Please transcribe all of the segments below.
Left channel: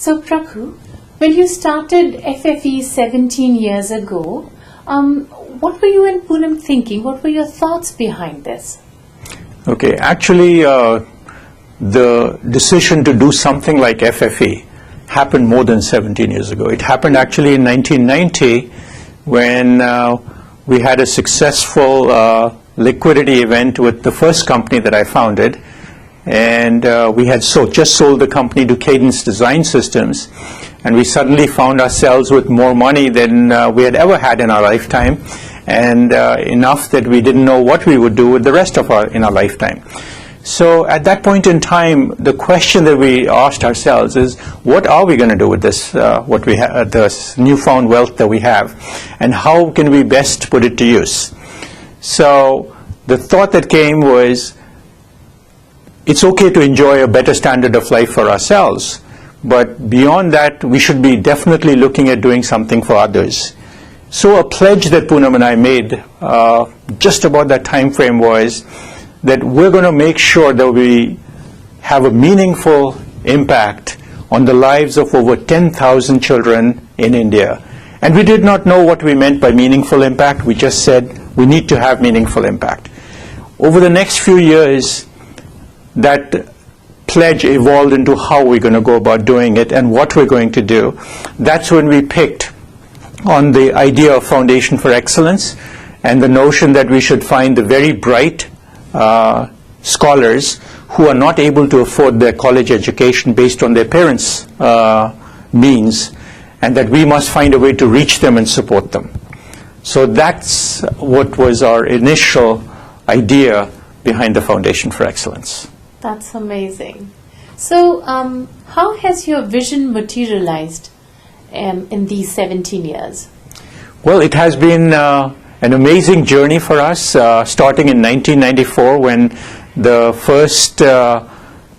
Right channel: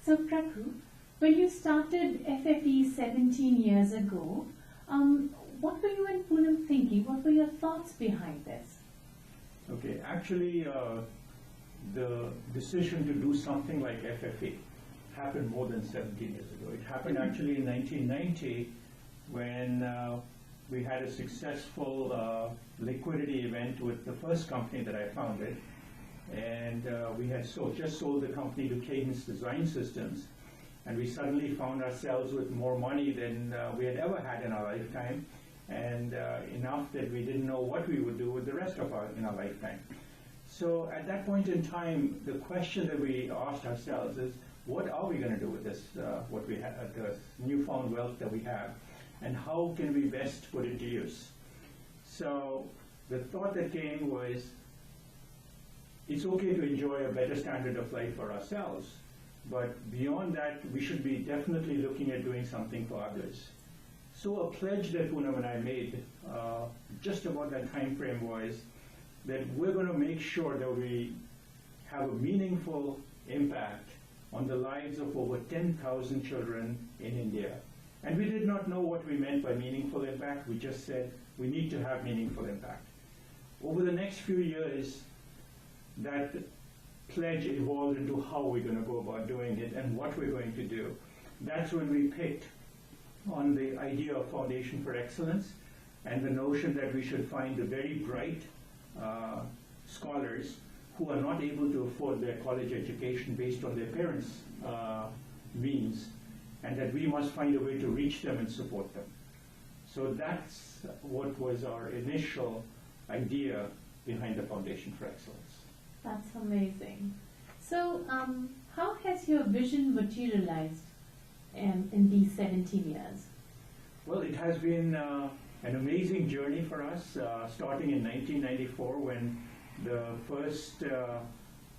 So, Prabhu, when you started FFE 17 years ago, what were you and Poonam thinking? What were your thoughts behind this? Okay, actually, the decision to do something like FFE happened more than 17 years ago. It happened actually in 1990 when we had a successful liquidity event with the first company that I founded. And we had just sold the company to Cadence Design Systems. And we suddenly found ourselves with more money than we had ever had in our lifetime, and enough that we didn't know what we would do with the rest of our lifetime. So at that point in time, the question that we asked ourselves is, what are we going to do with this, this newfound wealth that we have, and how can we best put it to use? So the thought that came was, it's okay to enjoy a better standard of life for ourselves, but beyond that, we should be definitely looking at doing something for others. So a pledge that Poonam and I made just about that time frame was that we're going to make sure that we have a meaningful impact on the lives of over 10,000 children in India. And we did not know what we meant by meaningful impact. We just said we need to have meaningful impact. Over the next few years, that pledge evolved into how we're going to go about doing it and what we're going to do. That's when we picked on the idea of Foundation for Excellence and the notion that we should find the very bright scholars who are not able to afford their college education based on their parents' means, and that we must find a way to reach them and support them. So that's what was our initial idea behind the Foundation for Excellence. That's amazing. So how has your vision materialized in these 17 years? Well, it has been an amazing journey for us, starting in 1994 when the first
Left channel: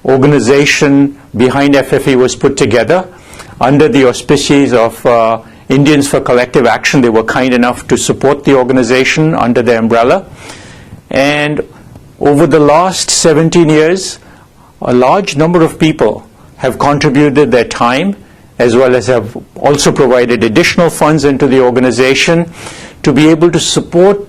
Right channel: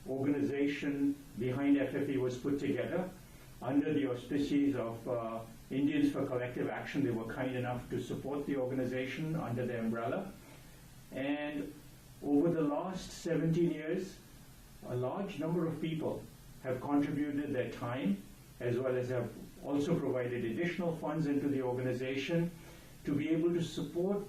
organization behind FFE was put together under the auspices of Indians for Collective Action. They were kind enough to support the organization under their umbrella. And over the last 17 years, a large number of people have contributed their time, as well as have also provided additional funds into the organization to be able to support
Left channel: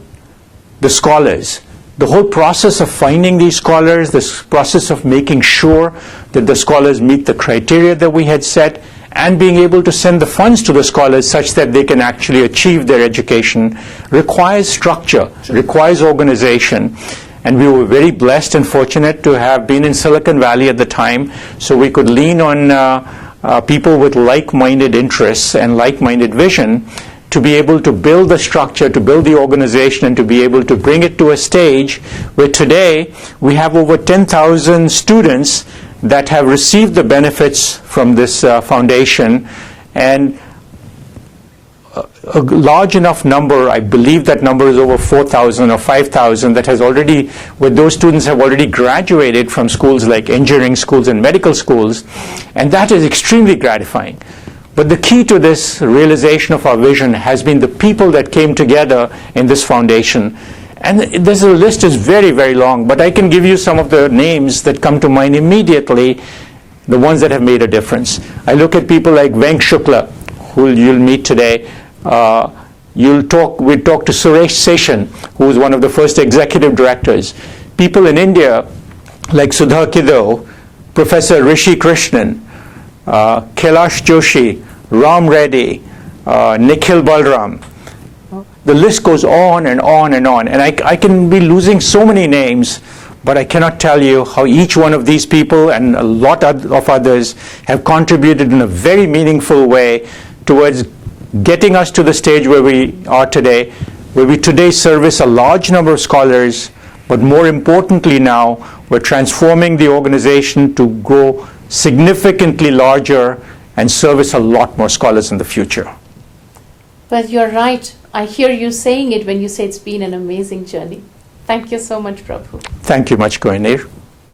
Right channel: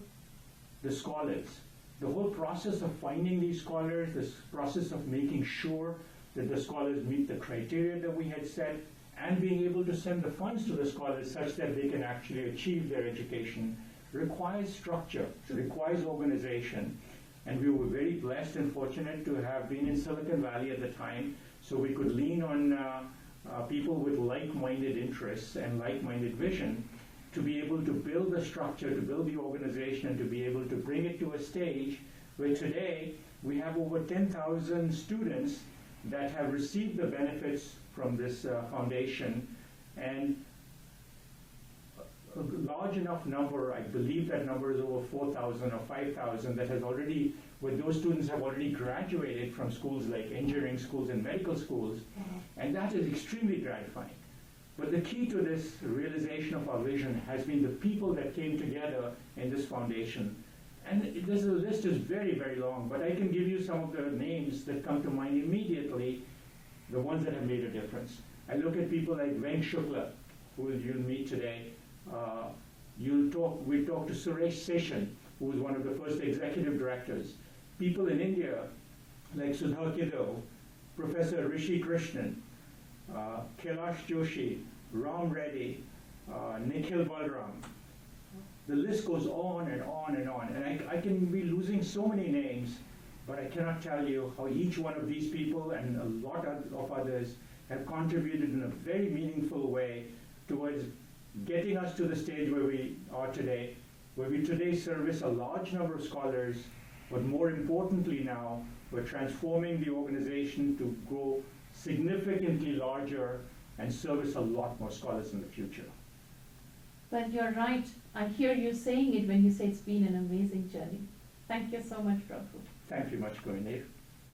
the scholars. The whole process of finding these scholars, this process of making sure that the scholars meet the criteria that we had set, and being able to send the funds to the scholars such that they can actually achieve their education, requires structure, requires organization. And we were very blessed and fortunate to have been in Silicon Valley at the time, so we could lean on people with like-minded interests and like-minded vision to be able to build the structure, to build the organization, and to be able to bring it to a stage where today we have over 10,000 students that have received the benefits from this foundation, and a large enough number, I believe that number is over 4,000 or 5,000, that has already, where those students have already graduated from schools like engineering schools and medical schools, and that is extremely gratifying. But the key to this realization of our vision has been the people that came together in this foundation. And this list is very, very long, but I can give you some of the names that come to mind immediately, the ones that have made a difference. I look at people like Venk Shukla, who you'll meet today. We'll talk to Suresh Seshan, who was one of the first executive directors. People in India like Sudha Kiddo, Professor Rishi Krishnan, Kailash Joshi, Ram Reddy, Nikhil Balram. The list goes on and on and on. And I can be losing so many names, but I cannot tell you how each one of these people and a lot of others have contributed in a very meaningful way towards getting us to the stage where we are today, where we today service a large number of scholars, but more importantly now, we're transforming the organization to grow significantly larger and service a lot more scholars in the future. But you're right. I hear you saying it when you say it's been an amazing journey. Thank you so much, Prabhu. Thank you much, Goel.